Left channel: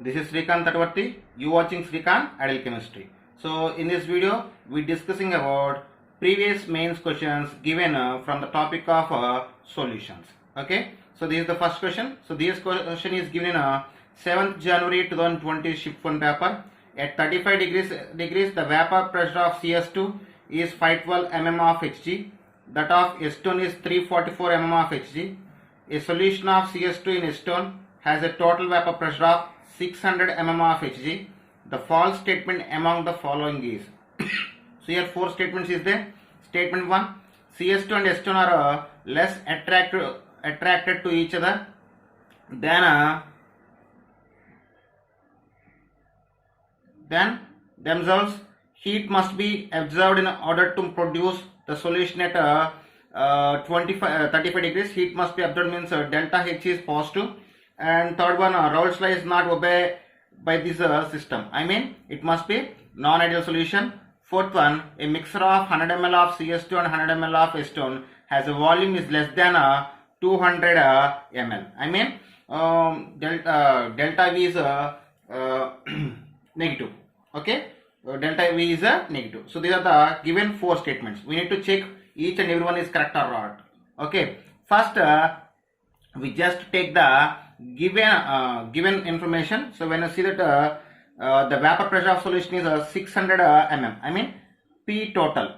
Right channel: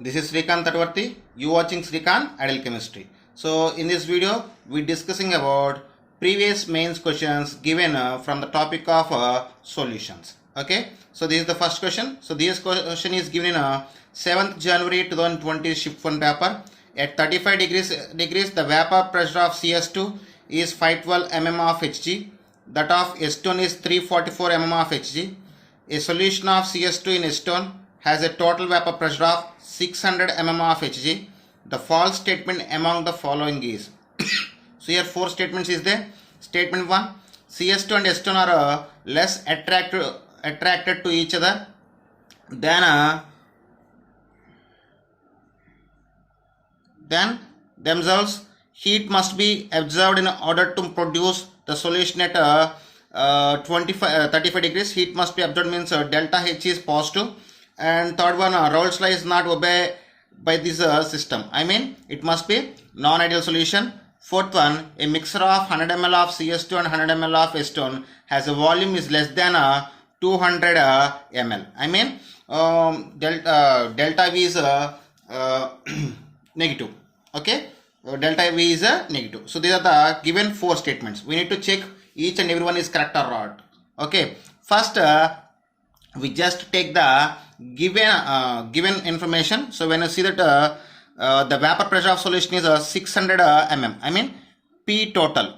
This is Srikanth Tatwarthi. You watching Srikanth Ideal Chemistry. So in this video, we discussing about previous mains questions given from the topic of solutions. Okay. So this is the first question. So this question is given in 7th January 2020 shift 1 paper. At 35 degrees, the vapor pressure of CS2 is 512 mm of Hg. That of acetone is 344 mm of Hg. A solution of CS2 in acetone has a total vapor pressure of 600 mm of Hg. The false statement among the following is. So here four statements is there. Statement 1, CS2 and acetone are less attracted to each other than themselves. Heat must be absorbed in order to produce the solution at 35 degrees. Heat must be absorbed means delta H is positive. And third one, Raoult's law is not obeyed by this system. I mean, it must be non-ideal solution. Fourth one, a mixture of 100 ml of CS2 and 100 ml of acetone has a volume is less than 200 ml. I mean, delta V is negative. Okay, delta V is negative. So these are the given four statements. We need to check each and every one is correct or not. Okay, first we just take the given information. So when you see that the vapor pressure of solution is 600 mm, I mean P total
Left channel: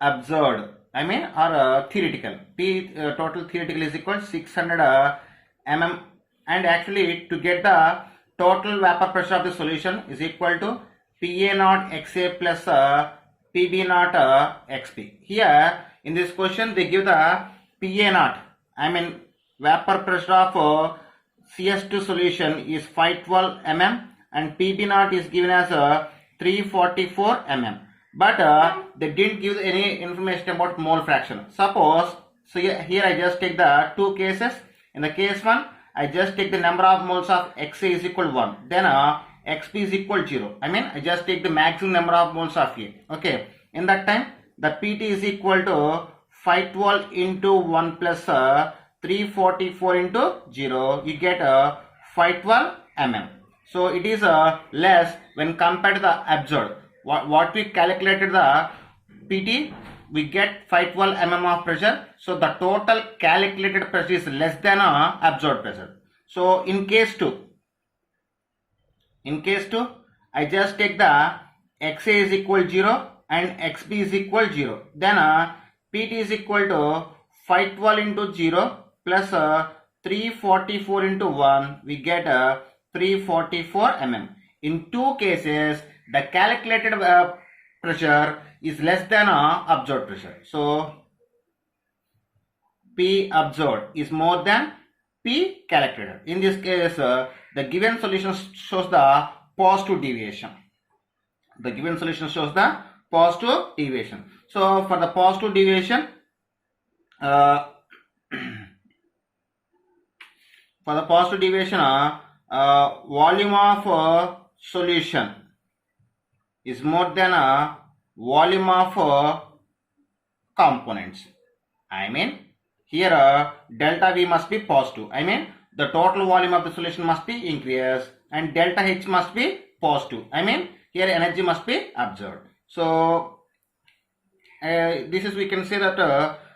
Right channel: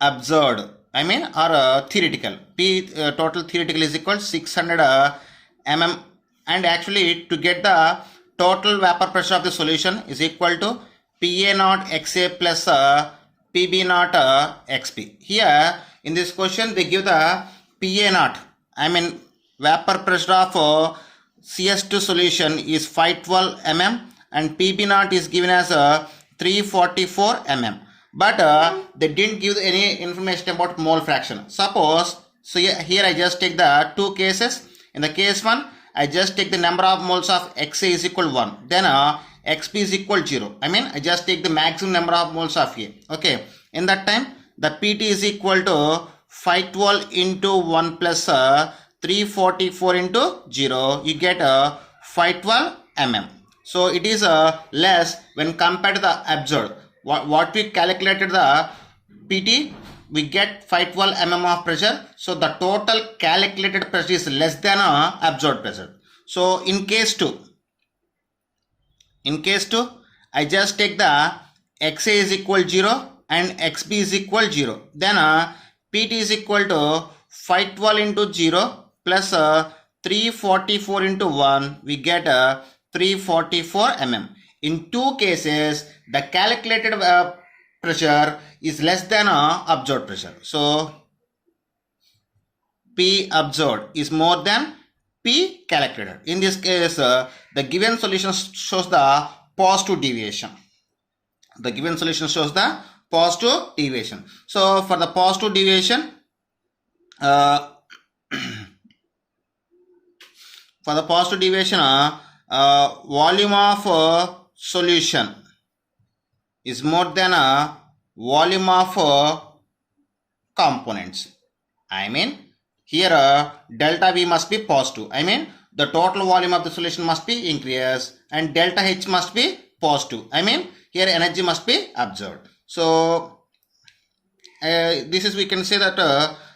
observed, I mean or theoretical, P total theoretical is equal to 600 mm, and actually to get the total vapor pressure of the solution is equal to PA naught XA plus PB naught XP. Here in this question they give the PA naught, I mean vapor pressure of CS2 solution is 512 mm and PB naught is given as 344 mm. But they didn't give any information about mole fraction. Suppose, so here I just take the two cases. In the case 1, I just take the number of moles of XA is equal to 1. Then XP is equal to 0. I mean, I just take the maximum number of moles of A. Okay. In that time, the PT is equal to 512 into 1 plus 344 into 0. You get 512 mm. So it is less when compared to the absorbed. What we calculated the PT, we get 512 mm of pressure. So the total calculated pressure is less than absorbed pressure. So in case 2, I just take the XA is equal to 0 and XB is equal to 0. Then PT is equal to 512 into 0 plus 344 into 1. We get 344 mm. In two cases, the calculated pressure is less than absorbed pressure. So P absorbed is more than P calculated. In this case, the given solution shows the positive deviation. The given solution shows the positive deviation. So for the positive deviation, volume of solution is more than volume of components. I mean here delta V must be positive. I mean the total volume of the solution must be increased and delta H must be positive. I mean here energy must be absorbed. So this is, we can say that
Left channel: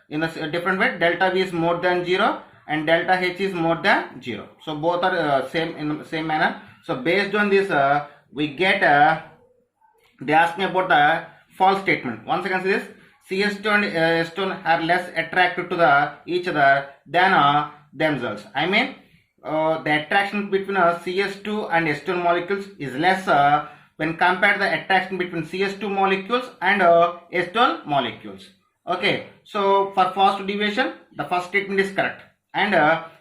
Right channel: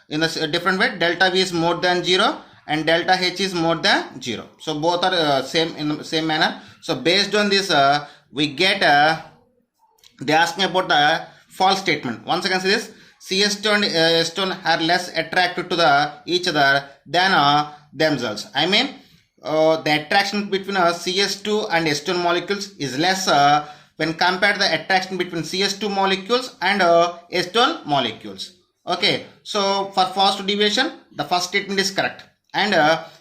in a different way, delta V is more than 0 and delta H is more than 0. So both are same in the same manner. So based on this we get they ask me about the false statement. Once again, this CS2 and acetone are less attracted to each other than themselves. I mean the attraction between CS2 and acetone molecules is less when compared to the attraction between CS2 molecules and acetone molecules. Okay, so for positive deviation, the first statement is correct. And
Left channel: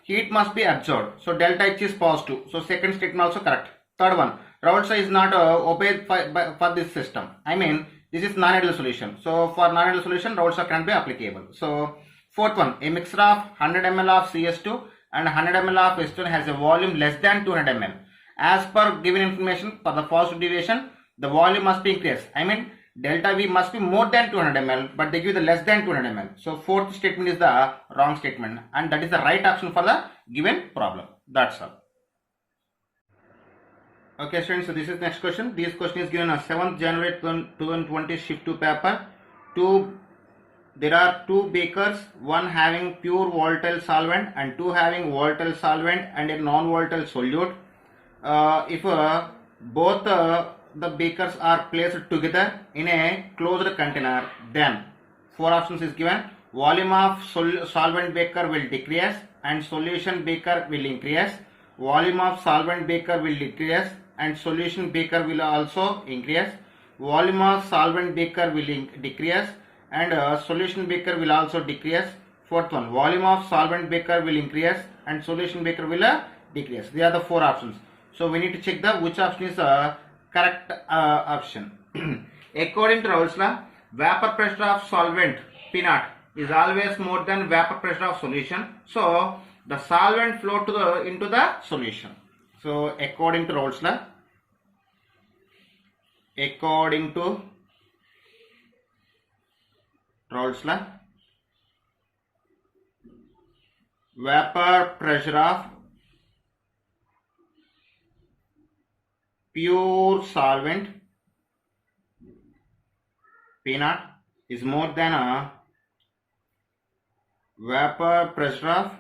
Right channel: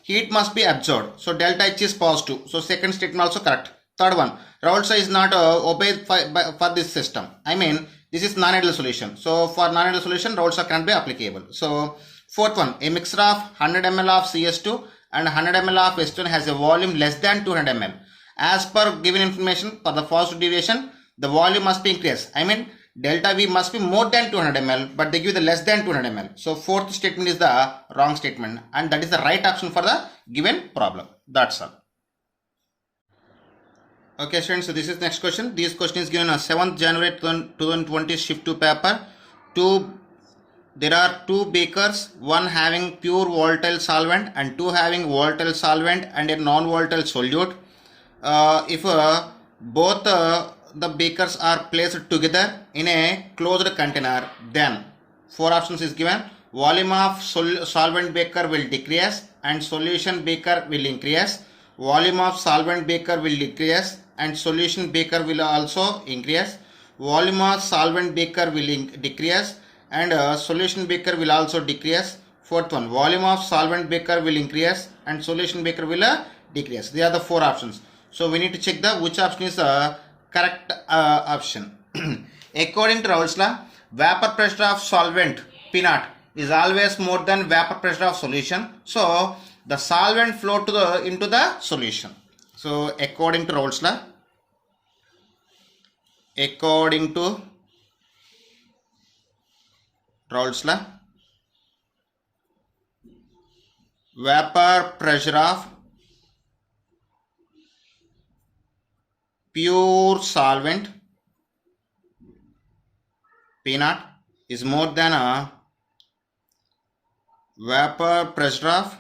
heat must be absorbed. So delta H is positive. So second statement also correct. Third one, Raoult's law is not obeyed for this system. I mean, this is non-ideal solution. So for non-ideal solution, Raoult's law can be applicable. So fourth one, a mixture of 100 ml of CS2 and 100 ml of acetone has a volume less than 200 ml. As per given information, for the positive deviation, the volume must be increased. I mean, delta V must be more than 200 ml, but they give the less than 200 ml. So fourth statement is the wrong statement, and that is the right option for the given problem. That's all. Okay, students, so this is next question. This question is given on 7th January 2020 shift 2 paper. There are two beakers, one having pure volatile solvent and two having volatile solvent and a non-volatile solute. If both the beakers are placed together in a closed container, then four options is given. Volume of solvent beaker will decrease and solution beaker will increase. Volume of solvent beaker will decrease and solution beaker will also increase. Volume of solvent beaker will decrease and solution beaker will also decrease. Fourth one, volume of solvent beaker will increase and solution beaker will decrease. They are the four options. So we need to check the which option is the correct option. According to Raoult's law, vapor pressure of solvent P naught is always more than vapor pressure of solution. So the solvent flow to into the solution. So according to Raoult's law, vapor pressure of pure solvent P naught is more than a vapor pressure of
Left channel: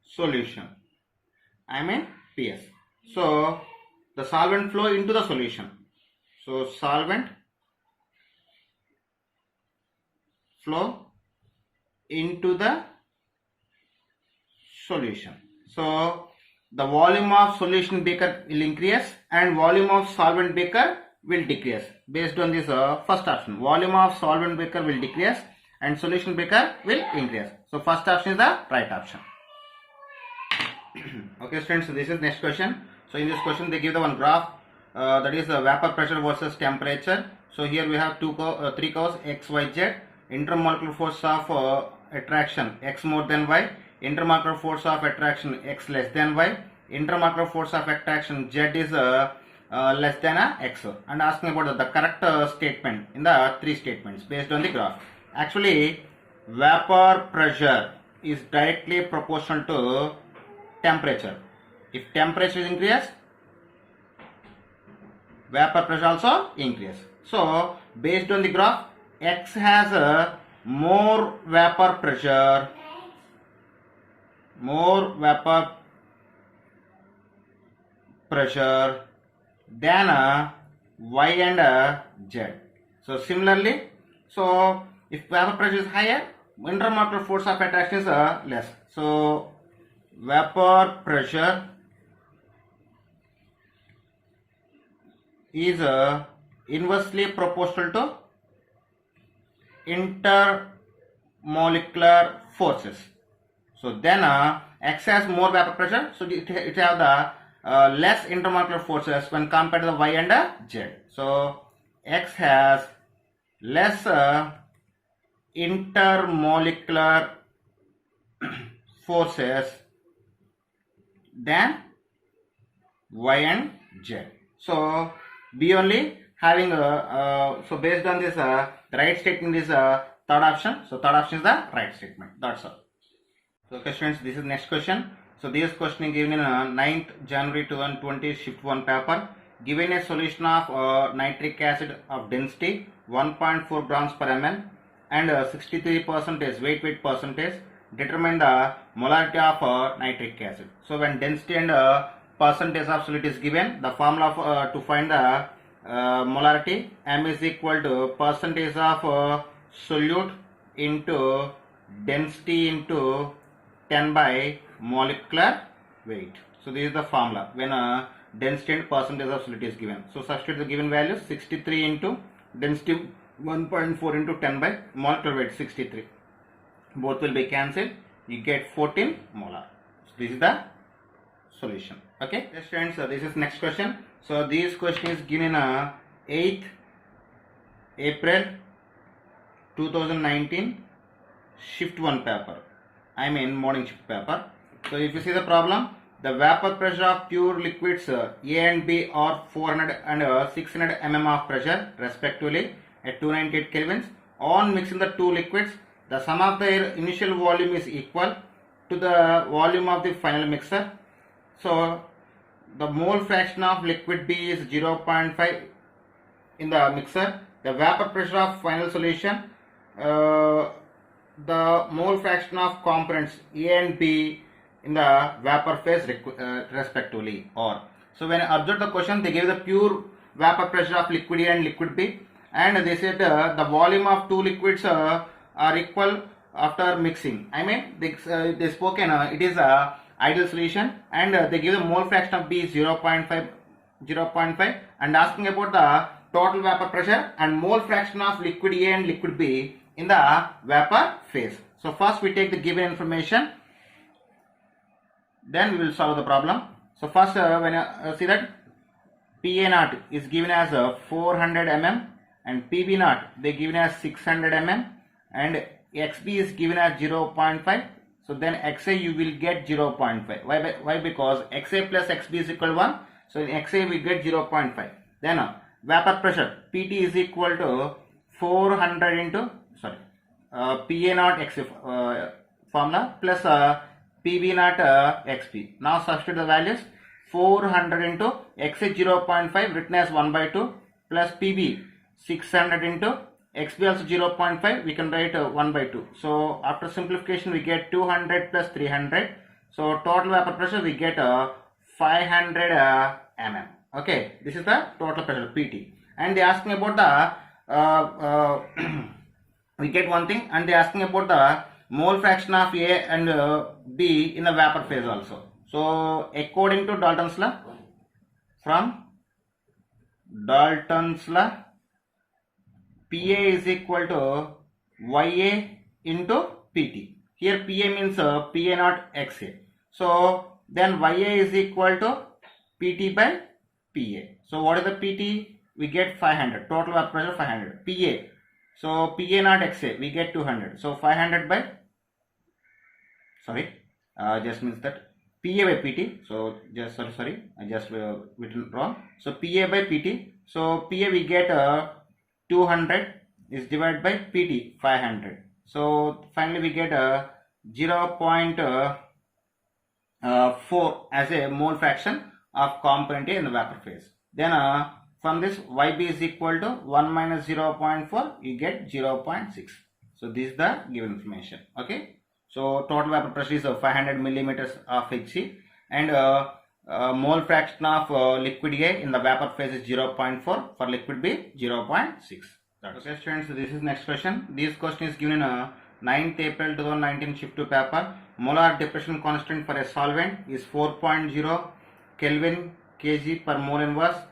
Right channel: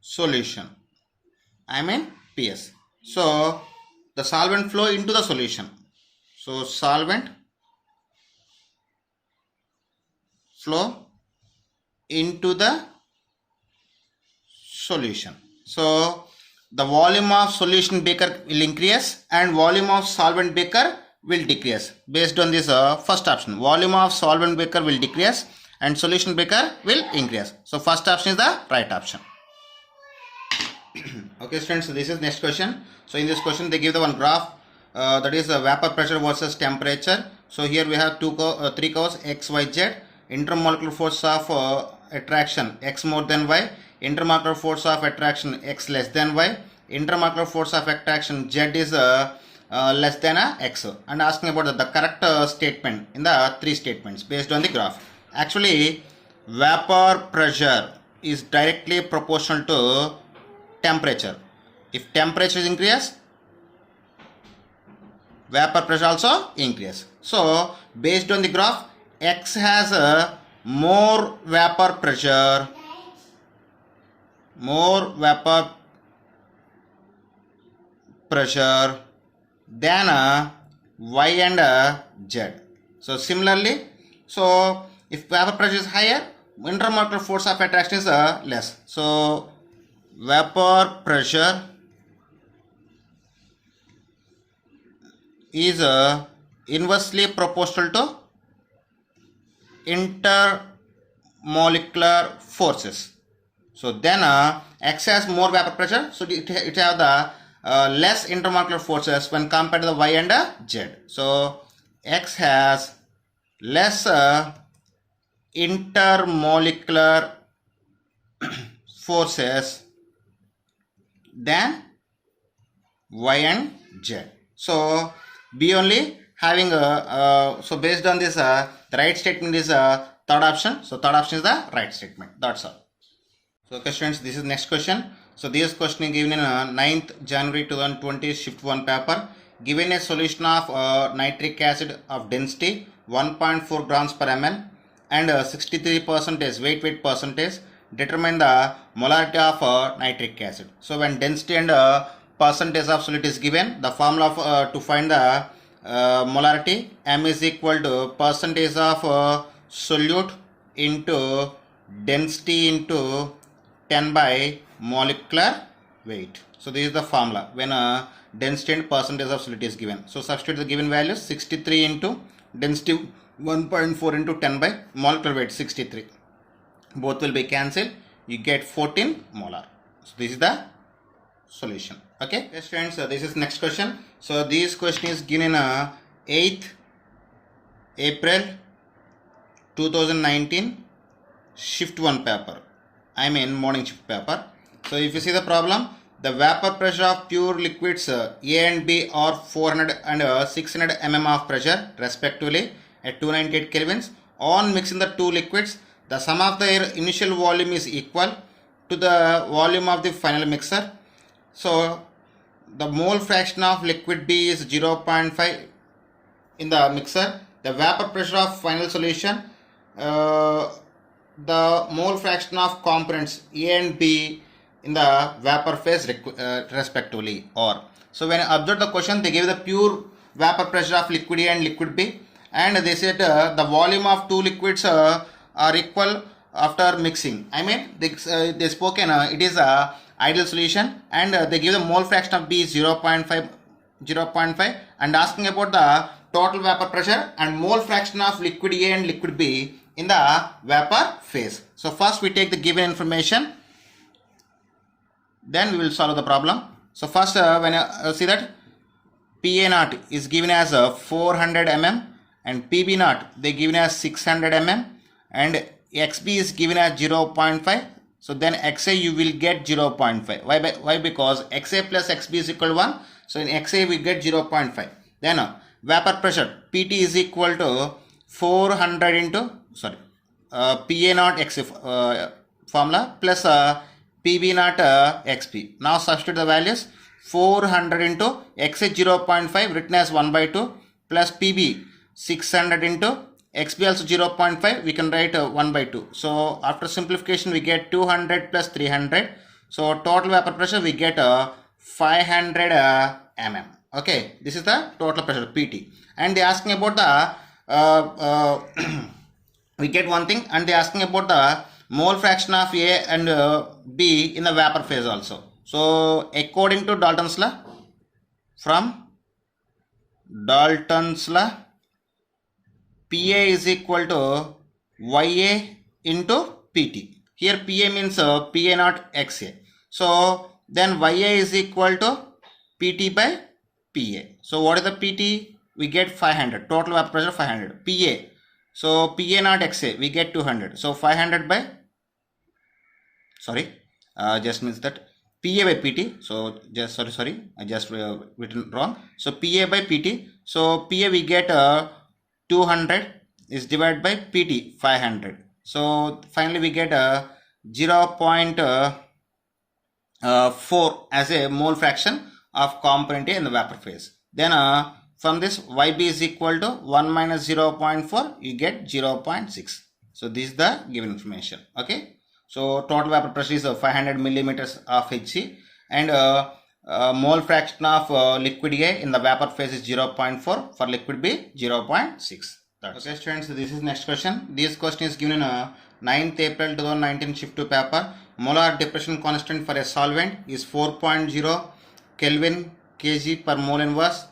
solution, I mean PS. So the solvent flow into the solution. So solvent flow into the solution. So the volume of solution beaker will increase and volume of solvent beaker will decrease based on this first option. Volume of solvent beaker will decrease and solution beaker will increase. So first option is the right option. Okay students, so this is next question. So in this question they give the one graph that is vapor pressure versus temperature. So here we have three curves x, y, z. Intermolecular force of attraction x more than y, intermolecular force of attraction x less than y, intermolecular force of attraction z is less than x, and asking about the correct statement in the three statements based on the graph. Actually vapor pressure is directly proportional to temperature. If temperature is increased, vapor pressure also increase. So based on the graph, x has a more vapor pressure than y and z. So similarly, so if vapor pressure is higher, intermolecular force of attraction is less. So vapor pressure is inversely proportional to intermolecular forces. So then x has more vapor pressure, so it have the less intermolecular forces when compared to the y and z. So x has less intermolecular forces than y and z. So B only having so based on this the right statement is third option. So third option is the right statement. That's all. So okay students, this is next question. So this question is given in 9th January 2020 shift 1 paper. Given a solution of nitric acid of density 1.4 grams per ml and 63% weight percentage, determine the molarity of nitric acid. So when density and percentage of solute is given, the formula of, to find the molarity, m is equal to percentage of solute into density into 10 by molecular weight. So this is the formula when density and percentage of solute is given. So substitute the given values, 63 into density 1.4 into 10 by molecular weight 63. Both will be cancelled. You get 14 molar. So this is the solution. Okay, yes friends, so this is next question. So this question is given in 8th April 2019 shift 1 paper, I mean morning shift paper. So if you see the problem, the vapor pressure of pure liquids A and B are 400 and 600 mm of pressure respectively at 298 kelvins. On mixing the two liquids, the sum of their initial volume is equal to the volume of the final mixer. So the mole fraction of liquid B is 0.5 in the mixer. The vapor pressure of final solution, the mole fraction of components A and B in the vapor phase respectively. Or so when I observe the question, they give the pure vapor pressure of liquid A and liquid B, and they said the volume of two liquids are equal after mixing. I mean they spoken it is a ideal solution, and they give the mole fraction of B is 0.5 and asking about the total vapor pressure and mole fraction of liquid A and liquid B in the vapor phase. So first we take the given information, then we will solve the problem. So first when see that PA naught is given as 400 mm and PB naught they given as 600 mm and XB is given as 0.5. So then XA you will get 0.5. Why? Because XA plus XB is equal to 1. So in XA we get 0.5. Then vapor pressure PT is equal to 400 into PA naught XA formula plus PB naught XP. Now substitute the values. 400 into XA 0.5 written as 1 by 2 plus PB 600 into XB also 0.5, we can write 1 by 2. So after simplification we get 200 plus 300. So total vapor pressure we get 500 mm. Okay, this is the total pressure PT. And they asking about the we get one thing, and they asking about the mole fraction of A and B in the vapor phase also. So according to Dalton's law, from Dalton's law, PA is equal to YA into PT. Here PA means PA naught XA. So then YA is equal to PT by PA. So what is the PT? We get 500. Total vapor pressure 500. PA. So PA naught XA we get 200. So 500 by just means that PA by PT. So just sorry I just written wrong. So PA by PT. So PA we get 200 is divided by PT 500. So finally we get 0.4 as a mole fraction of component A in the vapor phase. Then from this YB is equal to 1 minus 0.4, you get 0.6. So this is the given information. Okay. So total vapor pressure is 500 millimeters of Hg, and mole fraction of liquid A in the vapor phase is 0.4, for liquid B 0.6. Okay students, this is next question. This question is given in 9th April 2019 shift 2 paper. Molar depression constant for a solvent is 4.0 Kelvin kg per mole inverse,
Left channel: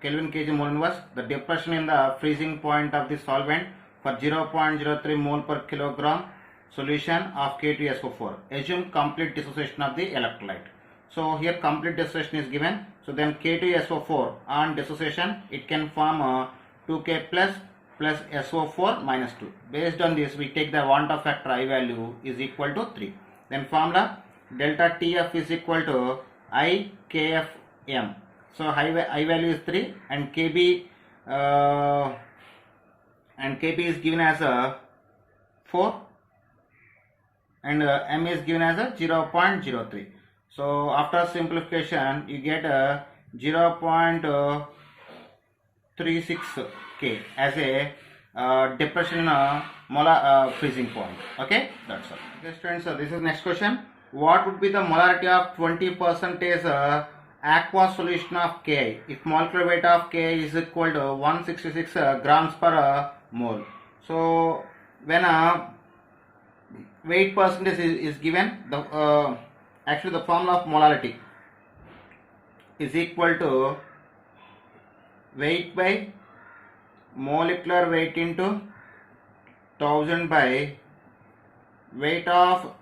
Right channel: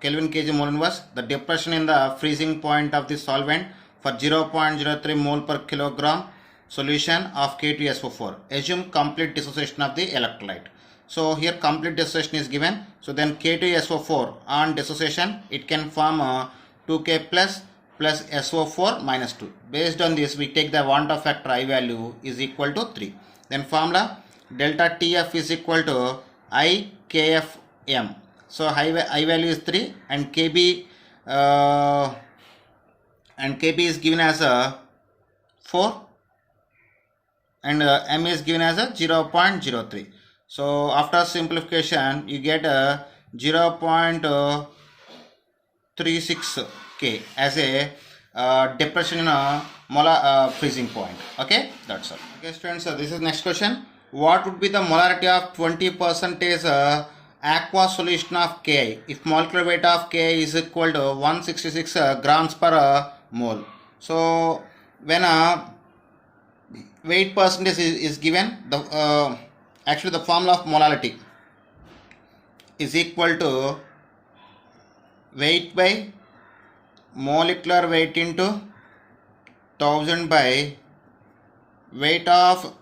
Kelvin kg mole inverse. The depression in the freezing point of the solvent for 0.03 mole per kilogram solution of K2SO4. Assume complete dissociation of the electrolyte. So here complete dissociation is given. So then K2SO4 on dissociation it can form 2K plus SO4 minus 2. Based on this we take the Van't factor I value is equal to 3. Then formula delta TF is equal to I KFM. So I value is 3 and KB is given as a 4 and M is given as a 0.03. So after simplification you get 0.36 K as a depression in a molar freezing point. Okay, that's all. Okay students, so this is next question. What would be the molarity of 20% aqueous solution of Ki if molecular weight of Ki is equal to 166 grams per mole? So when weight percentage is given, the actually the formula of molality is equal to weight by molecular weight into 1000 by weight of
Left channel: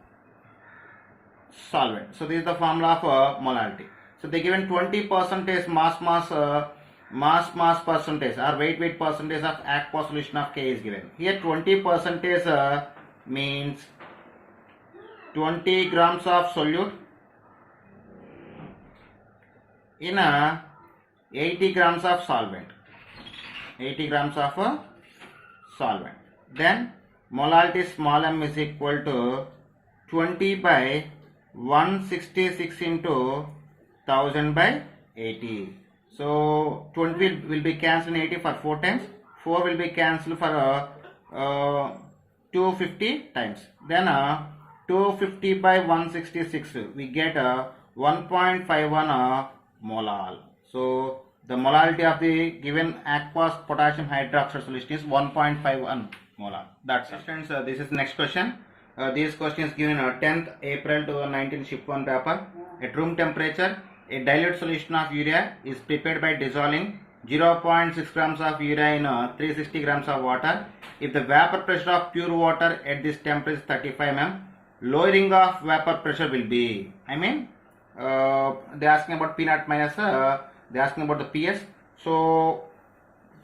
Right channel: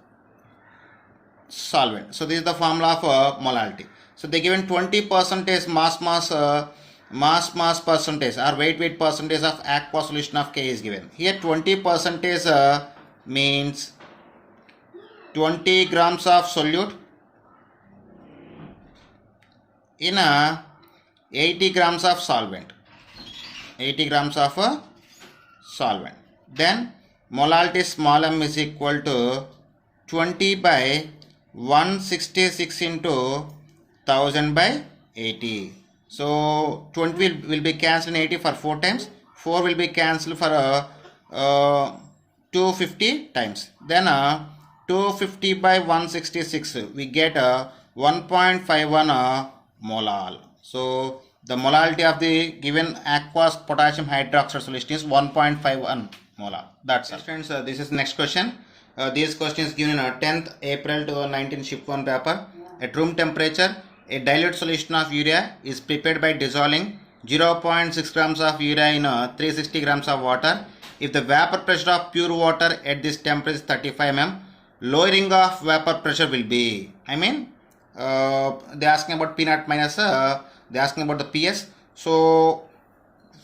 solvent. So this is the formula of molality. So they given 20% mass percentage or weight percentage of aqueous solution of K is given. Here 20% means 20 grams of solute in 80 grams of solvent. 80 grams of solvent. Then molality small m is equal to 20 by 166 into 1000 by 80. So 20 will be cancelled in 80 for 4 times. 4 will be cancelled for 250 times. Then 250 by 166, we get 1.51 molal. So the molality of the given aqueous potassium hydroxide solution is 1.51 molar. That's it. Students, this is the next question. This question is given on 10th April 2019 shift 1 paper. At room temperature, a dilute solution of urea is prepared by dissolving 0.6 grams of urea in 360 grams of water. If the vapor pressure of pure water at this temperature is 35 mm, lowering of vapor pressure will be, they asking about P naught minus, they asking about the PS. So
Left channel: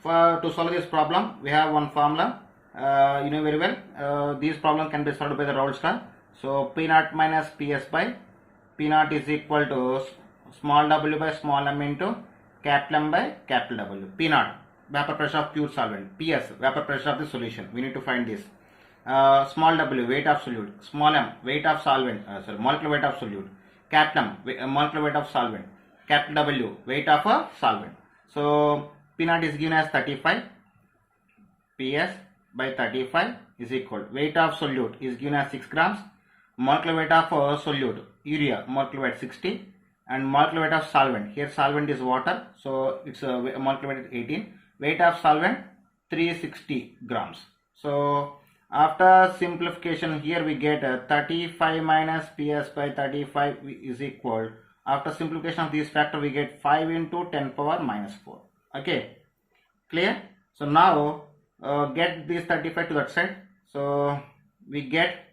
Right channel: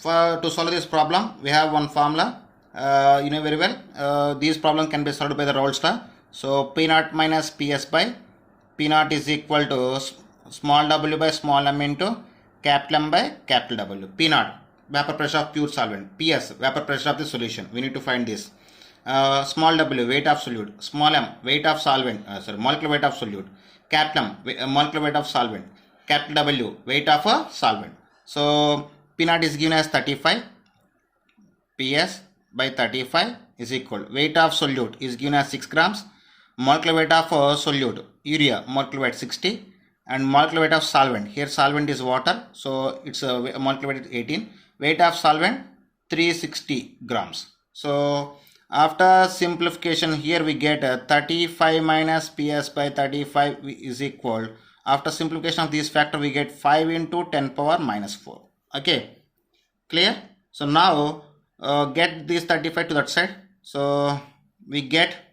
to solve this problem, we have one formula. You know very well, these problem can be solved by the Raoult's law. So P naught minus PS by P naught is equal to small w by small m into capital M by capital W. P naught, vapor pressure of pure solvent. PS, vapor pressure of the solution. We need to find this. Small w, weight of solute. Small m, weight of solvent. Molecular weight of solute. Capital M, molecular weight of solvent. Capital W, weight of a solvent. So P naught is given as 35. PS by 35 is equal. Weight of solute is given as 6 grams. Molecular weight of solute, urea, molecular weight 60. And molecular weight of solvent, here solvent is water, so its molecular weight is 18. Weight of solvent 360 grams. So after simplification, here we get 35 minus PS by 35 is equal. After simplification of this factor, we get 5 into 10 power minus 4. Okay, clear? So now get this 35 to that side. So we get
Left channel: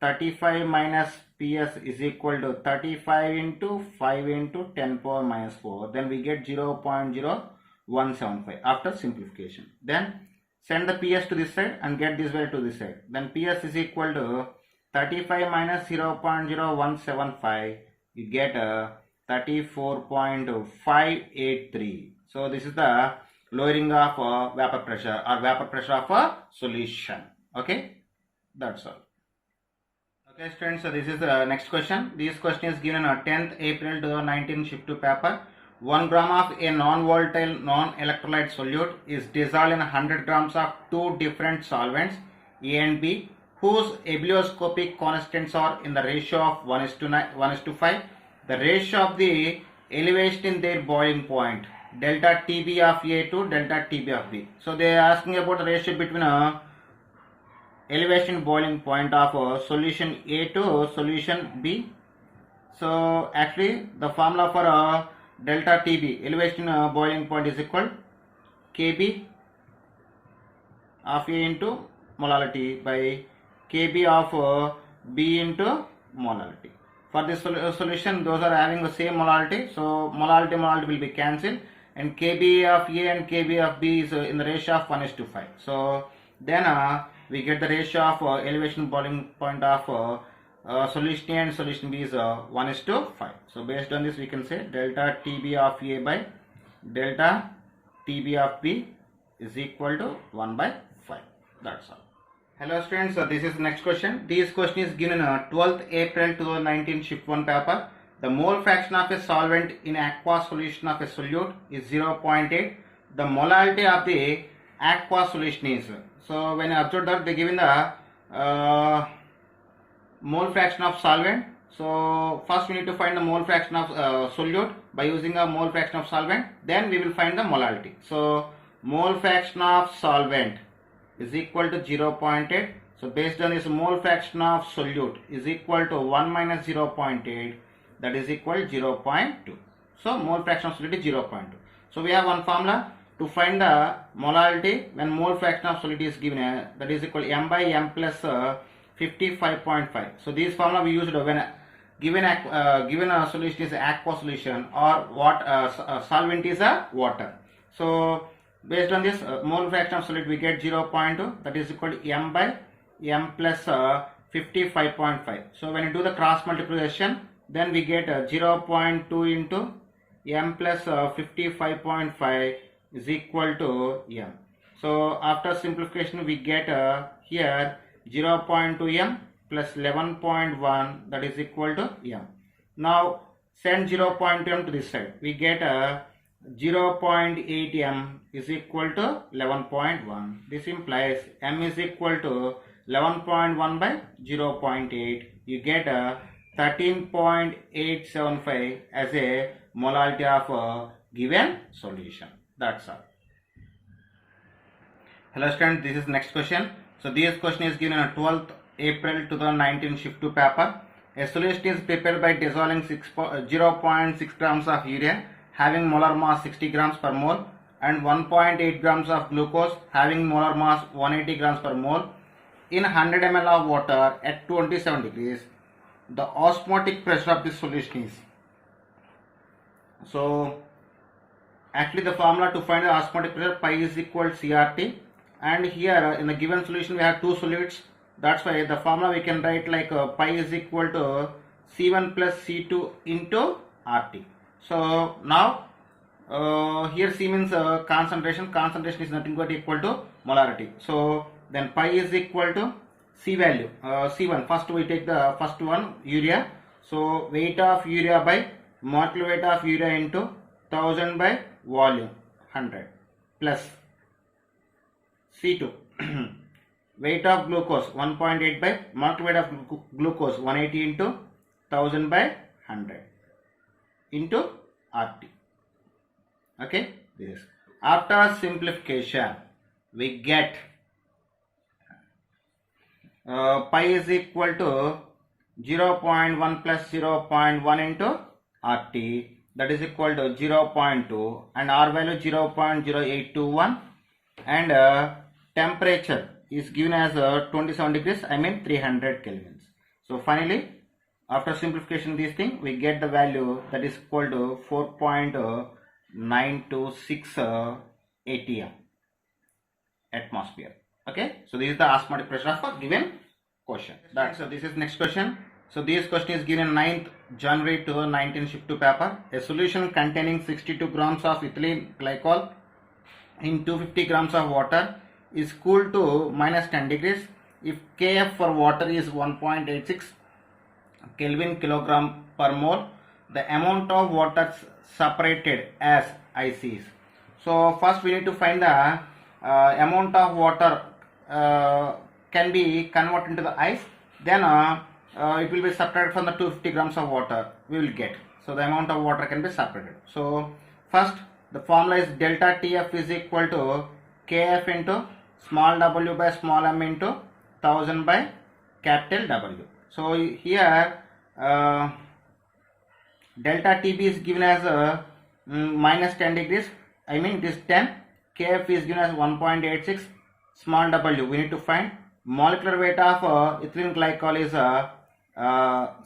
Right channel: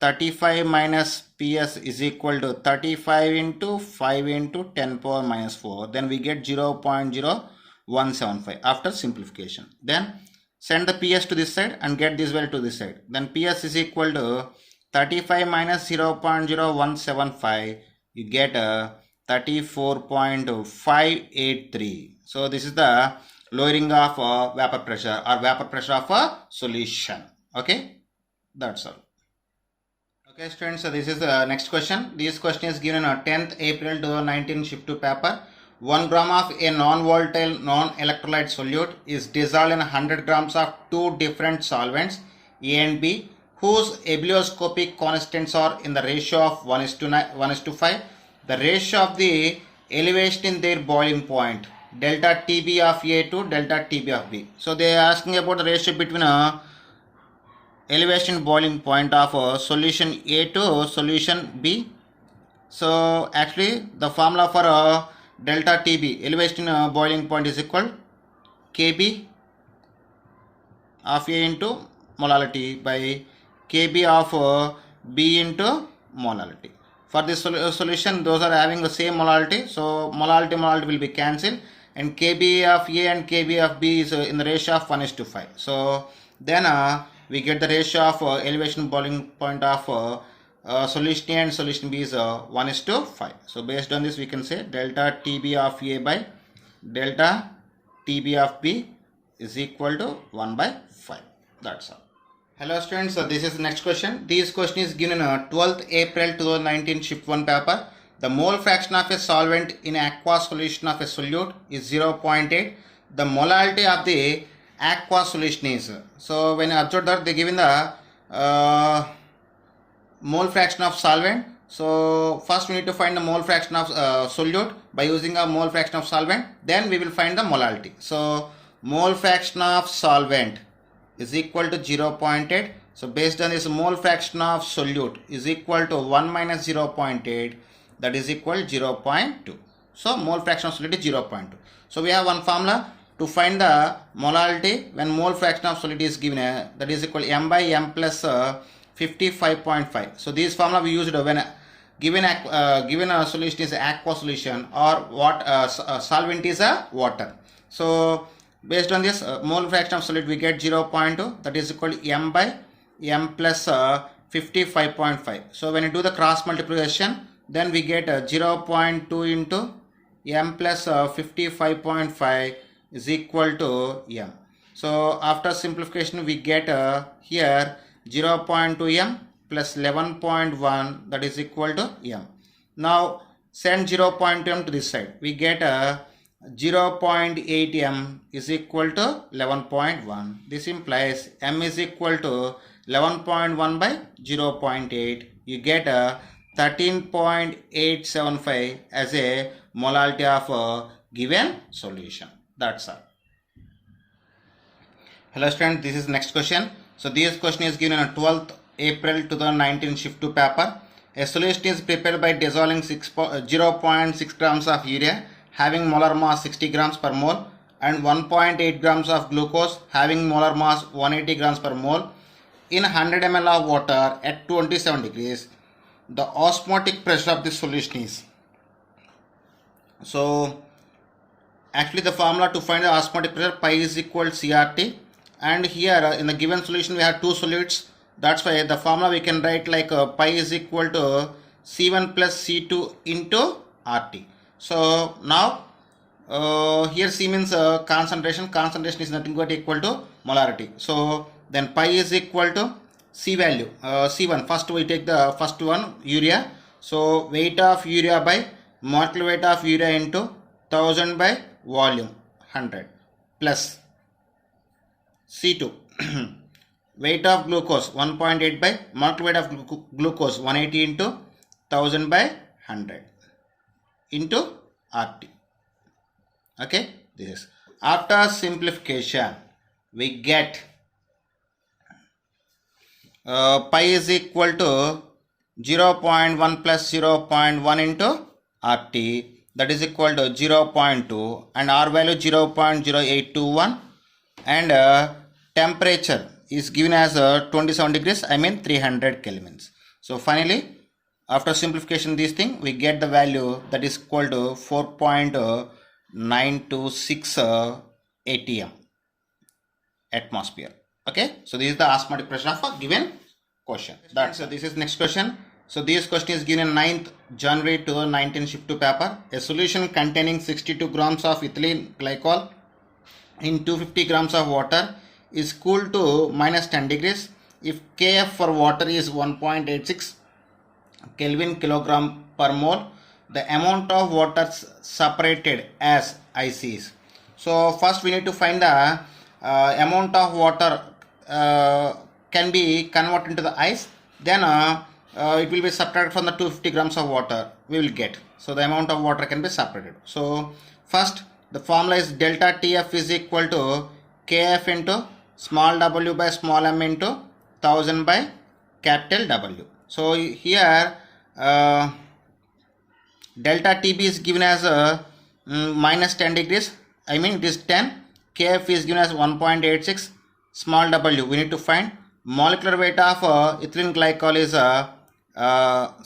35 minus PS is equal to 35 into 5 into 10 power minus 4. Then we get 0.0175 after simplification. Then send the PS to this side and get this value to this side. Then PS is equal to 35 minus 0.0175. You get 34.583. So this is the lowering of vapor pressure or vapor pressure of a solution. Okay, that's all. Okay students, so this is the next question. This question is given on 10th April 2019 shift 2 paper. 1 gram of a non-volatile non-electrolyte solute is dissolved in 100 grams of two different solvents A and B, whose ebullioscopic constants are in the ratio of 1:5. The ratio of the elevation in their boiling point, delta TB of A to delta TB of B. So they are asking about the ratio between elevation boiling point of solution A to solution B. So actually the formula for delta TB, elevation boiling point, is equal Kb of A into molality by Kb of B into molality. For this solution, those are having the same molality, so molality will be cancelled, and Kb of A and Kb of B is in the ratio of 1:5. So then we get the ratio of elevation boiling point of solution A and solution B is 1:5. So based on this, we can say delta TB of A by delta TB of B is equal to 1/5. That's all. Hello students, this is the next question. This question is given on 12th April 2019 shift 1 paper. The mole fraction of a solvent in aqueous solution of a solute is 0.8. The molality of the aqueous solution is, so when you observe that they given the mole fraction of solvent. So first we need to find the mole fraction of solute by using a mole fraction of solvent, then we will find the molality. So mole fraction of solvent is equal to 0.8. So based on this, mole fraction of solute is equal to 1 minus 0.8, that is equal 0.2. So mole fraction of solute is 0.2. So we have one formula to find the molality when mole fraction of solute is given, that is equal m by m plus 55.5. So this formula we used when given a solution is aqueous solution or what solvent is a water. So based on this mole fraction of solute we get 0.2, that is equal to m by m plus 55.5. So when you do the cross multiplication, then we get 0.2 into m plus 55.5 is equal to m. So after simplification we get here 0.2 m plus 11.1, that is equal to m. Now send 0.2 m to this side. We get 0.8 m is equal to 11.1. This implies m is equal to 11.1 by 0.8. You get 13.875 as a molarity of a given solution. That's all. Hello students, this is next question. So this question is given on 12th April 2019 shift 2 paper. A solution is prepared by dissolving 0.6 grams of urea having molar mass 60 grams per mole and 1.8 grams of glucose having molar mass 180 grams per mole in 100 ml of water at 27 degrees. The osmotic pressure of this solution is. So actually the formula to find the osmotic pressure, pi is equal to CRT, and here in the given solution we have two solids. That's why the formula we can write like pi is equal to C1 plus C2 into RT. So now here C means concentration. Concentration is nothing but equal to molarity. So then pi is equal to C value, C1. First we take the first one, urea. So weight of urea by molecular weight of urea into 1000 by volume 100 plus C2 weight of glucose 1.8 by molecular weight of glucose 180 into 1000 by 100 into RT. Okay, this is after simplification we get pi is equal to 0.1 plus 0.1 into RT, that is equal to 0.2, and R value 0.0821, and temperature is given as 27 degrees, I mean 300 kelvins. So finally after simplification this thing we get the value that is equal to 4.926 atm atmosphere. Okay, so this is the osmotic pressure of a given question. That's this is next question. So this question is given 9th January 2019 shift 2 paper. A solution containing 62 grams of ethylene glycol in 250 grams of water is cooled to minus 10 degrees if Kf for water is 1.86 Kelvin kilogram per mole. The amount of water separated as ice is. So first we need to find the amount of water can be converted into the ice, then it will be subtracted from the 250 grams of water we will get. So the amount of water can be separated. So first the formula is delta Tf is equal to Kf into small w by small m into 1000 by capital W. So here delta Tb is given as minus 10 degrees, I mean it is 10. Kf is given as 1.86, small w we need to find. Molecular weight of ethylene glycol is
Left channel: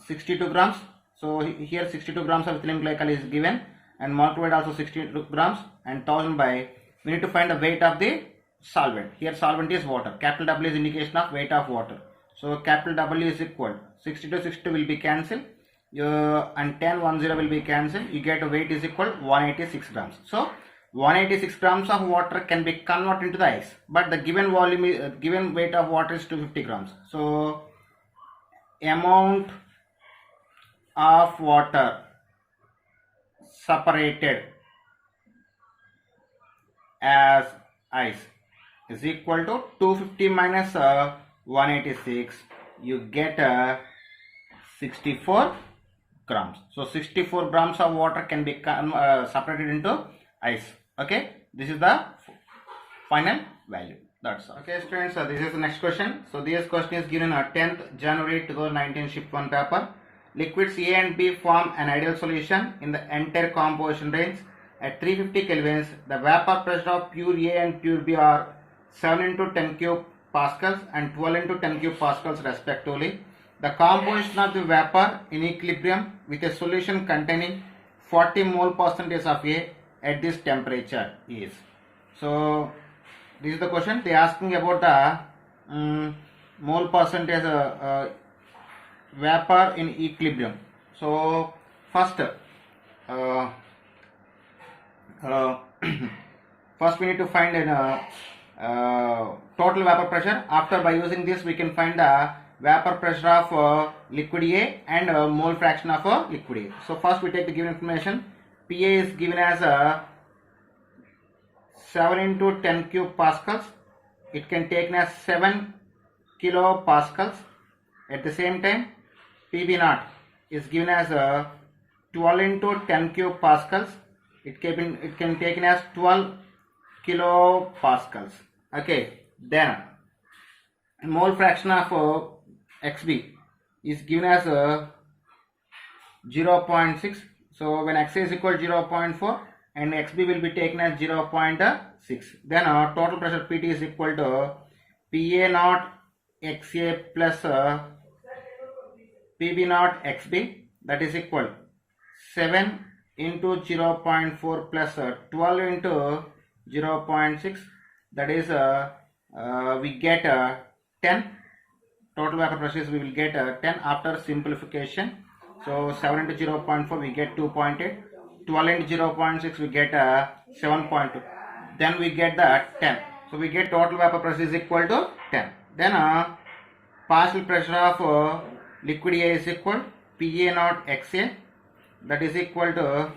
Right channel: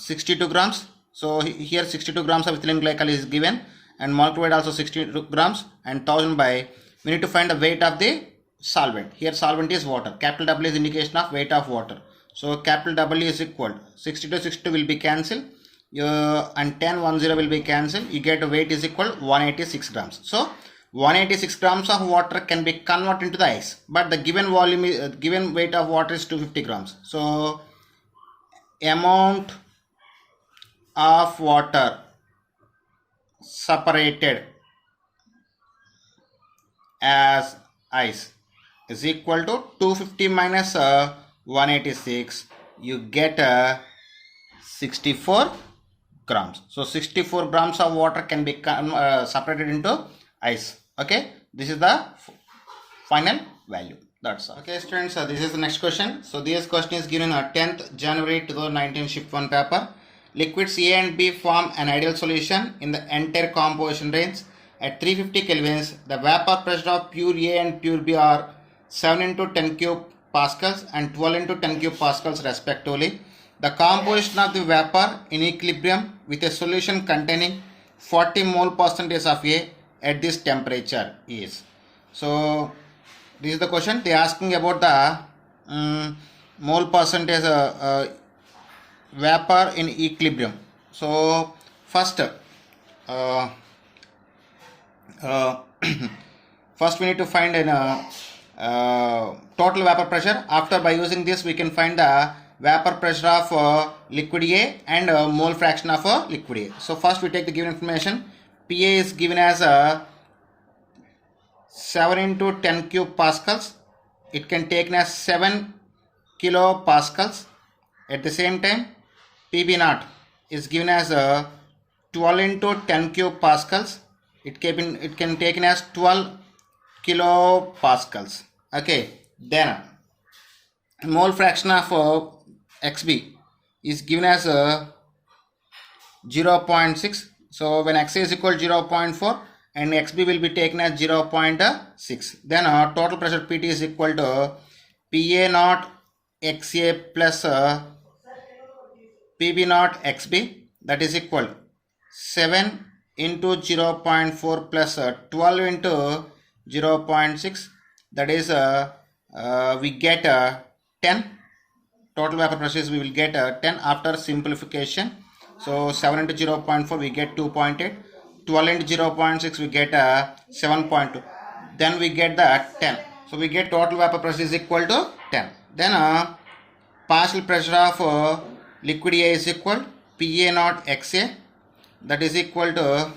62 grams. So here 62 grams of ethylene glycol is given, and molecular weight also 62 grams, and 1000 by, we need to find the weight of the solvent. Here solvent is water. Capital W is indication of weight of water. So capital W is equal 62 will be cancelled, and 10 will be cancelled. You get a weight is equal 186 grams. So 186 grams of water can be converted into the ice, but the given volume is, given weight of water is 250 grams. So amount of water separated as ice is equal to 250 minus 186, you get 64 grams. So 64 grams of water can be separated into ice. Okay, this is the final value. That's all. Okay students, this is the next question. So this question is given on 10th January 2019 shift 1 paper. Liquids A and B form an ideal solution in the entire composition range. At 350 kelvins, the vapor pressure of pure A and pure B are 7 into 10 cube pascals and 12 into 10 cube pascals respectively. The composition of the vapor in equilibrium with a solution containing 40 mole percentage of A at this temperature is. So this is the question. They are asking about the mole percentage vapor in equilibrium. So first first we need to find an total vapor pressure. After by using this we can find the vapor pressure of liquid A and mole fraction of liquid A. So first we take the given information. PA is given as 7 into 10 cube pascals. It can take as 7 kilopascals. At the same time, PB naught is given as 12 into 10 cube pascals. It can take as 12 kilopascals. Okay, then mole fraction of XB is given as 0.6. So when XA is equal to 0.4 and XB will be taken as 0.6. Then total pressure PT is equal to PA naught XA plus PB naught XB, that is equal 7 into 0.4 plus 12 into 0.6, that is we get 10. Total vapor pressure we will get 10 after simplification. So 7 into 0.4 we get 2.8, 12 into 0.6 we get 7.2, then we get the 10. So we get total vapor pressure is equal to 10. Then partial pressure of liquid A is equal PA naught XA, that is equal to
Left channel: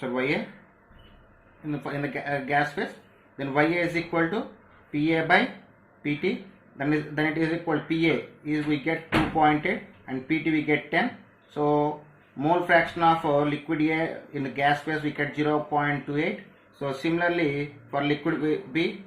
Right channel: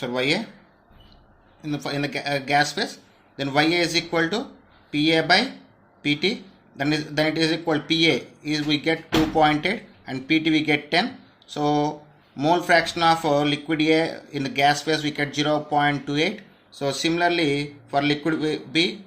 YA in the gas phase. Then YA is equal to PA by PT. Then it is equal PA is we get 2.8 and PT we get 10. So mole fraction of liquid A in the gas phase we get 0.28. So similarly for liquid B,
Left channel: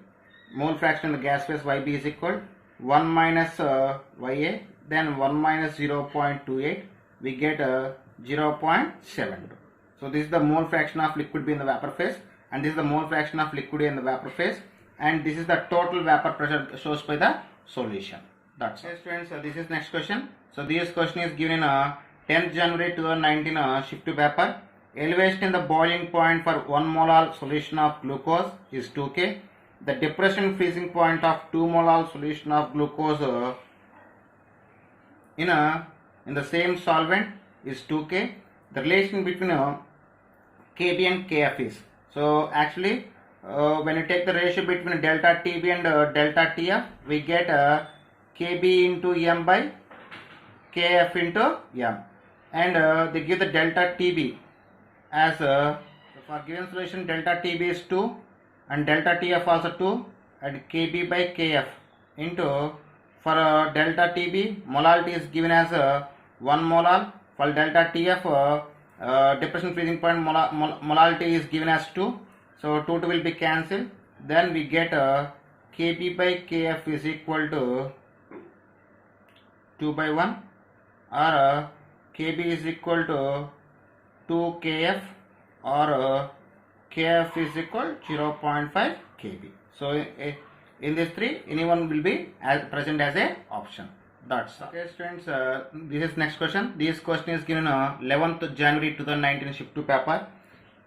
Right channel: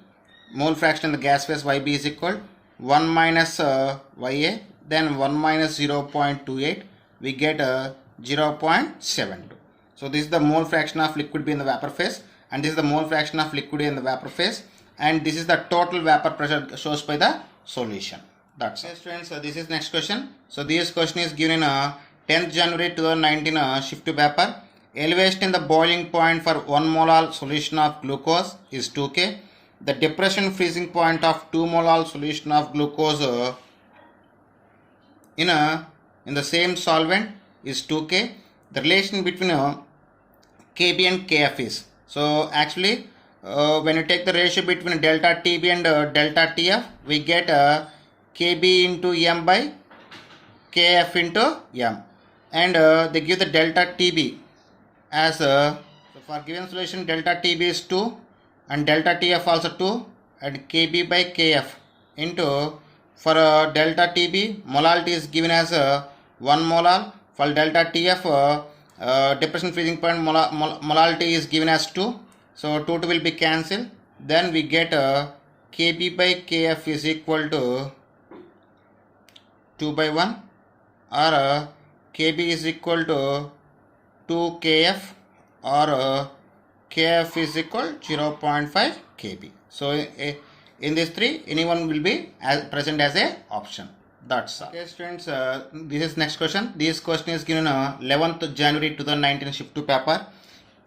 mole fraction in the gas phase YB is equal 1 minus YA, then 1 minus 0.28 we get 0.72. So this is the mole fraction of liquid B in the vapor phase, and this is the mole fraction of liquid A in the vapor phase, and this is the total vapor pressure shown by the solution. That's it. Okay, students, this is next question. So this question is given in 10th January 2019 shift to paper. Elevation in the boiling point for 1 molar solution of glucose is 2K. The depression freezing point of 2 molar solution of glucose in the same solvent is 2K. The relation between KB and KF is, so actually when you take the ratio between delta TB and delta TF, we get KB into M by KF into M, and they give the delta TB as so for given solution delta TB is 2 and delta TF also 2 and KB by KF into, for delta TB molality is given as 1 molar. For delta TF depression freezing point molality is given as 2. So 2 will be cancelled. Then we get KB by KF is equal to 2 by 1, or KB is equal to 2 KF, or KF is equal 0.5 KB. So in these three, anyone will be present as a option. That's all. Okay, students, this is next question. This question is given 11th January 2019 shift to paper.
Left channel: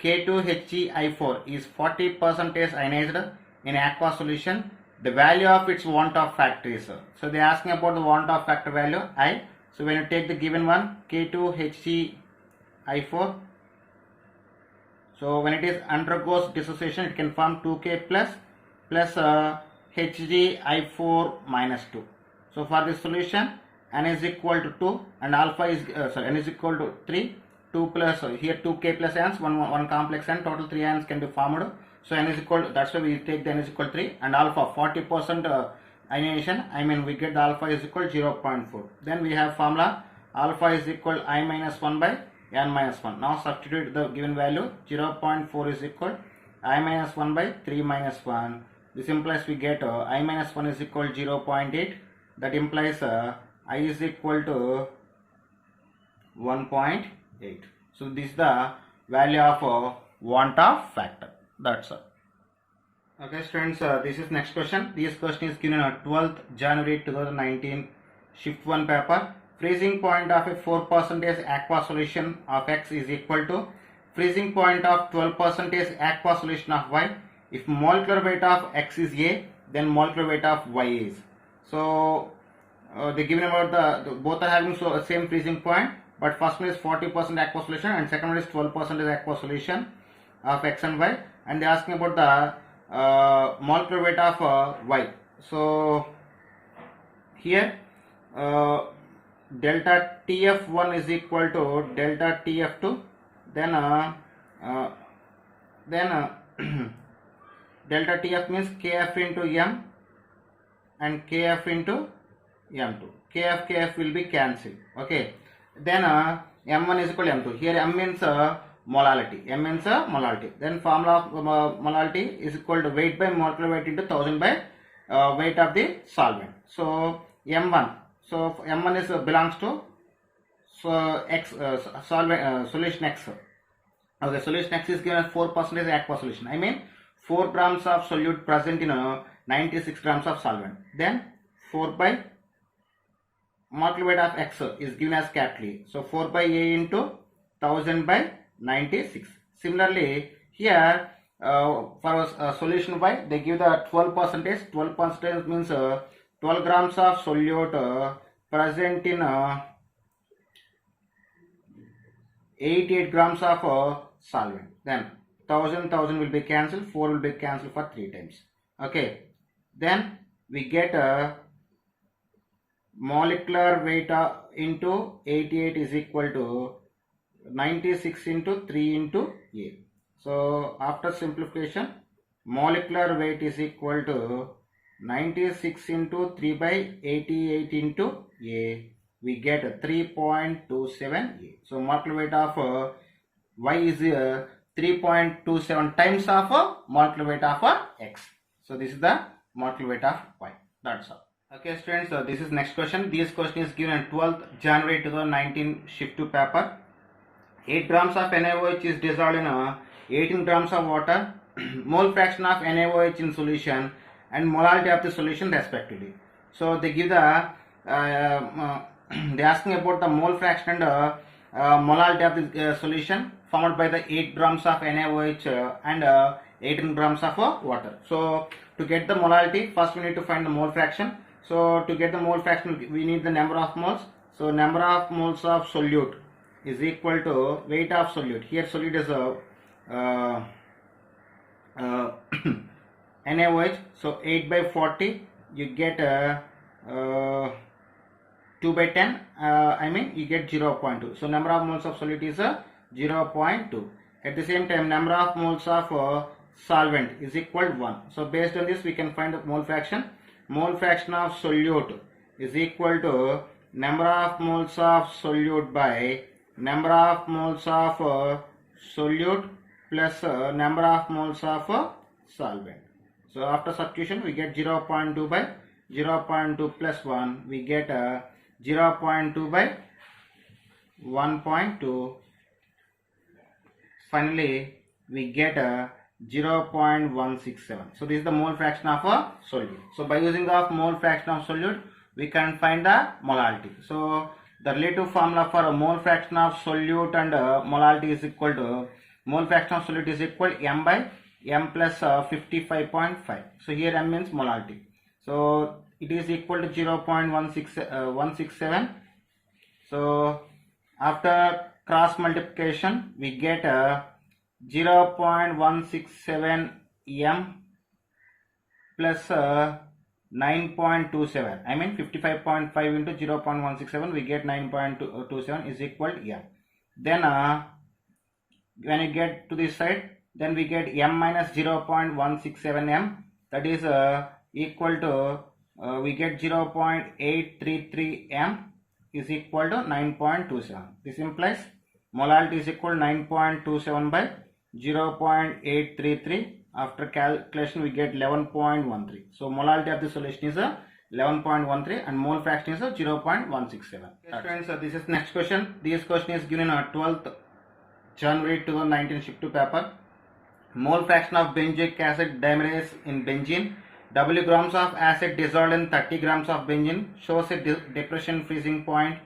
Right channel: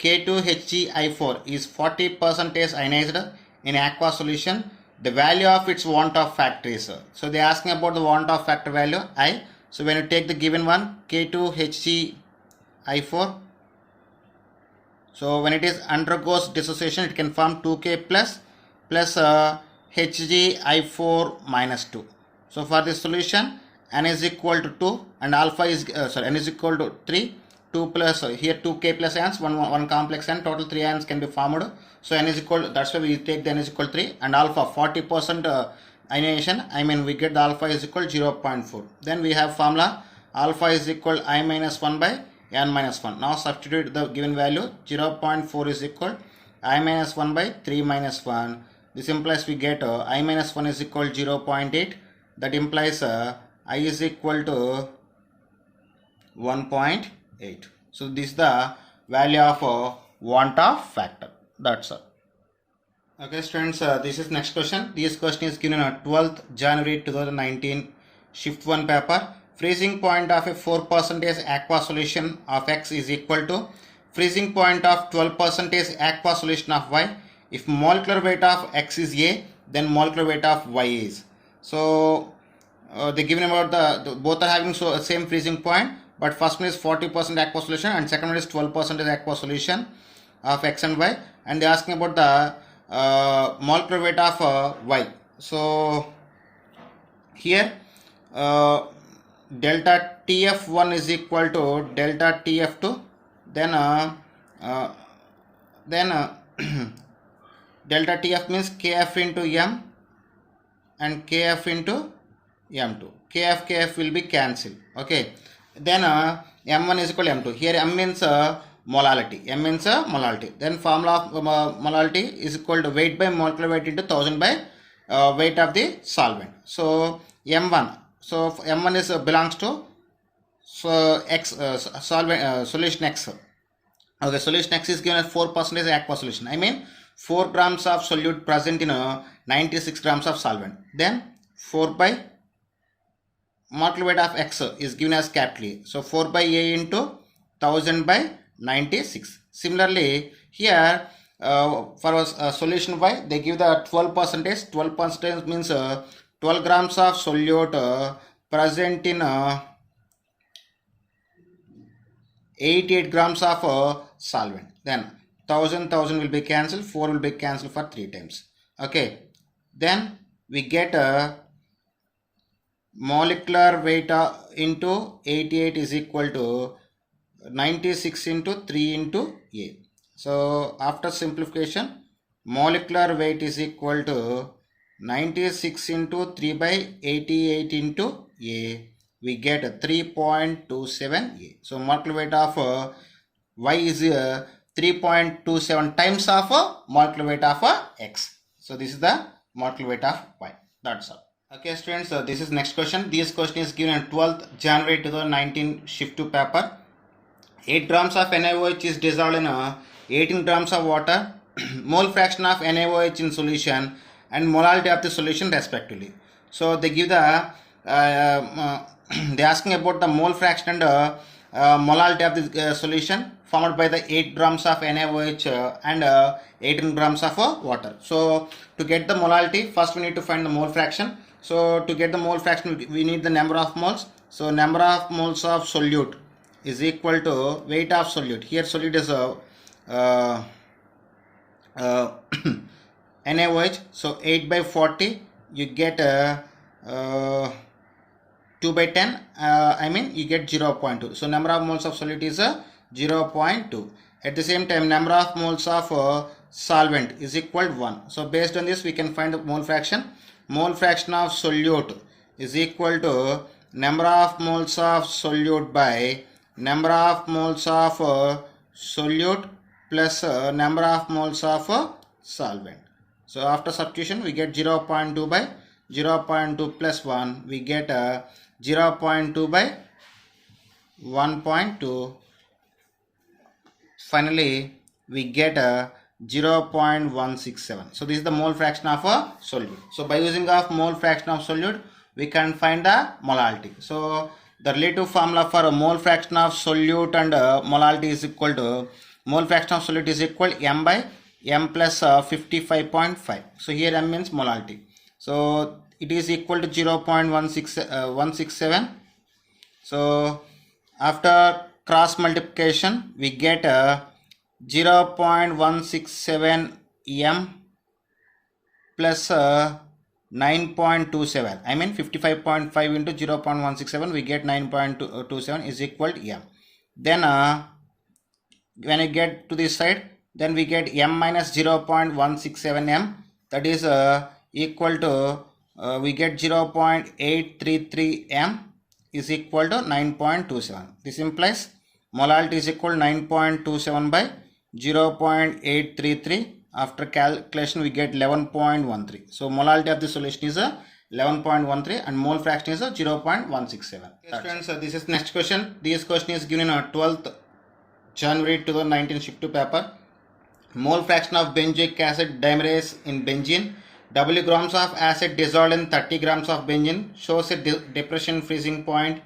K2HgI4 is 40% ionized in aqua solution. The value of its want-off factor is. So they are asking about the want-off factor value I. So when you take the given one, K2HgI4, so when it is undergoes dissociation, it can form 2K plus HgI4 minus 2. So for this solution, N is equal to 2 and alpha is N is equal to 3. 2 plus here 2K plus ions, one complex ion, total 3 ions can be formed. So N is equal, that's why we take the N is equal to 3, and alpha 40% ionization, I mean we get the alpha is equal to 0.4. Then we have formula alpha is equal I minus 1 by N minus 1. Now substitute the given value. 0.4 is equal I minus 1 by 3 minus 1. This implies we get I minus 1 is equal to 0.8. That implies I is equal to 1.8. So this is the value of want-off factor. That's all. Okay, students, this is next question. This question is given on 12th January 2019 shift 1 paper. Freezing point of a 4% aqua solution of X is equal to freezing point of 12% aqua solution of Y. If molecular weight of X is A, then molecular weight of Y is. So they given about the both are having same freezing point, but first one is 40% aqua solution and second one is 12% aqua solution of X and Y, and they are asking about the molecular weight of Y. So here delta TF1 is equal to delta TF2, then uh, then delta TF means KF into M and KF into M2. KF will be cancelled. Okay. Then M1 is equal to M2. Here M means molality. M means molality. Then formula of molality is equal to weight by molecular weight into 1000 by weight of the solvent. So M1. So M1 is belongs to X solvent solution X. Okay, solution X is given as 4% aqueous solution. I mean 4 grams of solute present in 96 grams of solvent. Then 4 by molecular weight of X is given as capital E. So 4 by A into 1000 by 96. Similarly, here for a solution Y, they give the 12%. 12% means 12 grams of solute present in 88 grams of solvent. Then 1000 will be cancelled, 4 will be cancelled for 3 times. Okay. Then we get molecular weight into 88 is equal to 96 into 3 into A. So after simplification, molecular weight is equal to 96 into 3 by 88 into A. We get 3.27 A. So molecular weight of Y is 3.27 times of molecular weight of X. So this is the molecular weight of Y. That's all. Okay students, this is next question. This question is given on 12th January 2019 shift 2 paper. 8 grams of NaOH is dissolved in 18 grams of water. Mole fraction of NaOH in solution and molality of the solution respectively. So they give the they asking about the mole fraction and molality of the solution formed by the 8 grams of NaOH and 18 grams of water. So to get the molality, first we need to find the mole fraction. So to get the mole fraction, we need the number of moles. So number of moles of solute is equal to weight of solute. Here solute is NaOH. So 8 by 40, you get 2 by 10, I mean you get 0.2. So number of moles of solute is 0.2. At the same time, number of moles of solvent is equal to 1. So based on this, we can find the mole fraction. Mole fraction of solute is equal to number of moles of solute by number of moles of solute plus number of moles of solvent. So after substitution, we get 0.2 by 0.2 plus 1. We get 0.2 by 1.2. Finally, we get 0.167. So this is the mole fraction of a solute. So by using of mole fraction of solute, we can find the molality. So the relative formula for a mole fraction of solute and molality is equal to mole fraction of solute is equal to M by M plus 55.5. So here M means molality. So it is equal to 0.167. So after cross multiplication, we get 0.167 M plus 9.27. I mean 55.5 into 0.167, we get 9.27 is equal to M. Then when you get to this side, then we get M minus 0.167 M, that is equal to we get 0.833 M is equal to 9.27. This implies molality is equal to 9.27 by 0.833. After calculation, we get 11.13. So molality of the solution is 11.13 and mole fraction is 0.167. Okay, students, this is next question. This question is given on 12th January 2019 shift 2 paper. Mole fraction of benzoic acid dimerase in benzene. W grams of acid dissolved in 30 grams of benzene shows a depression freezing point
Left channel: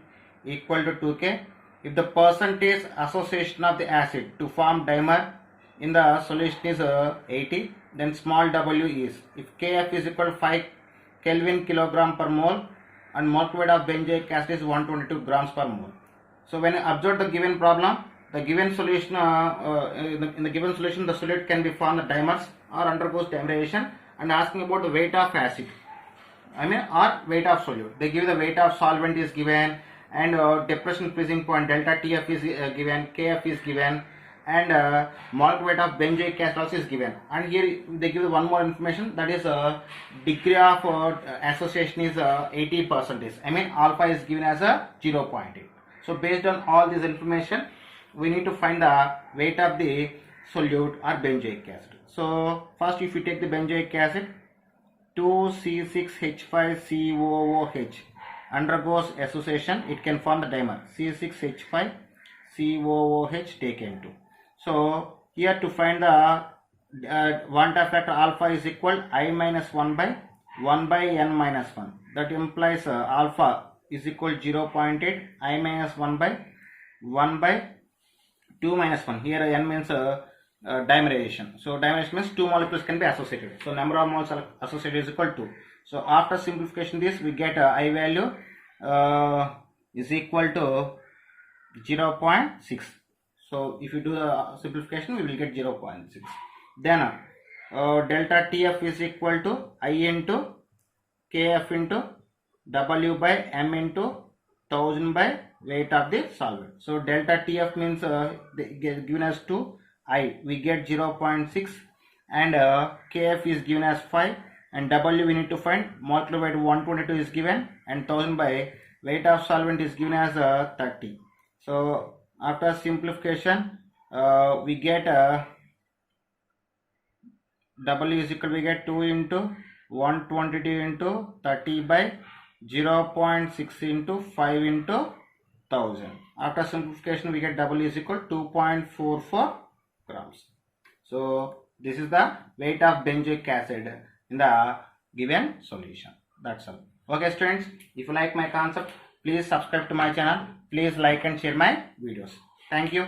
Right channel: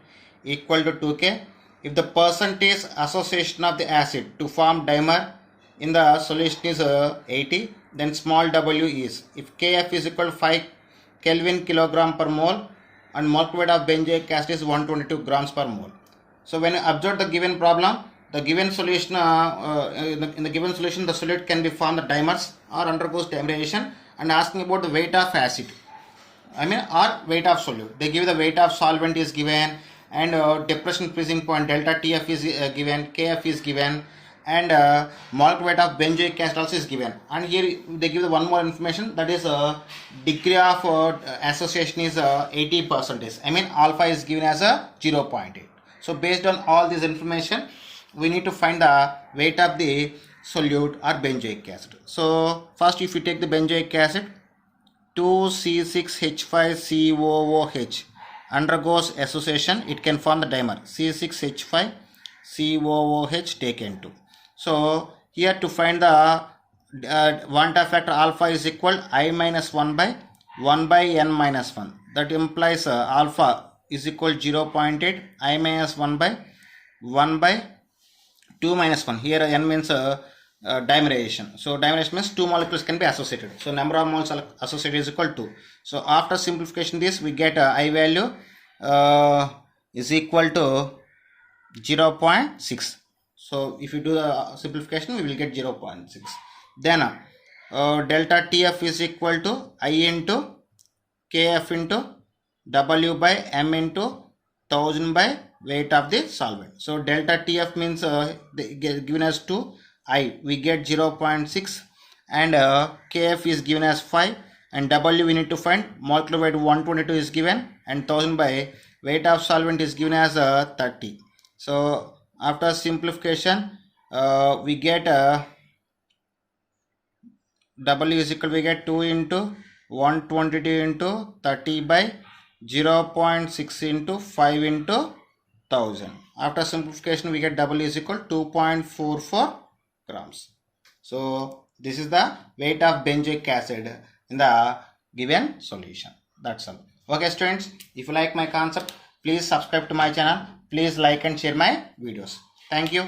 equal to 2K. If the percentage association of the acid to form dimer in the solution is 80, then small w is, if Kf is equal to 5 Kelvin kilogram per mole and molecular weight of benzoic acid is 122 grams per mole. So when you observe the given problem, the given solution in the given solution, the solute can be formed the dimers or undergoes dimerization, and asking about the weight of acid. or weight of solute. They give the weight of solvent is given, and depression freezing point delta TF is given, KF is given, and molecular weight of benzoic acid also is given. And here they give the one more information, that is degree of association is 80%. Alpha is given as a 0.8. So based on all this information, we need to find the weight of the solute or benzoic acid. So first, if you take the benzoic acid, 2C6H5COOH undergoes association, it can form the dimer C6H5COOH taken 2. So here to find the Van't factor alpha is equal I minus 1 by n minus 1. That implies alpha is equal 0.8, I minus 1 by 2 minus 1. Here n means dimerization. So dimerization means two molecules can be associated. So number of moles associated is equal to. So after simplification this, we get I value is equal to 0.6. So if you do the simplification, we will get 0.6. Then delta TF is equal to I into KF into W by M into 1000 by weight of the solvent. So delta TF means given as 2, I we get 0.6, and KF is given as 5, and W we need to find. Molecular weight 122 is given, and 1000 by weight of solvent is given as 30. So after simplification, we get W is equal, we get 2 into 122 into 30 by 0.6 into 5 into 1000. After simplification, we get W is equal 2.44 grams. So this is the weight of benzoic acid in the given solution. That's all. Okay students, if you like my concept, please subscribe to my channel. Please like and share my videos. Thank you.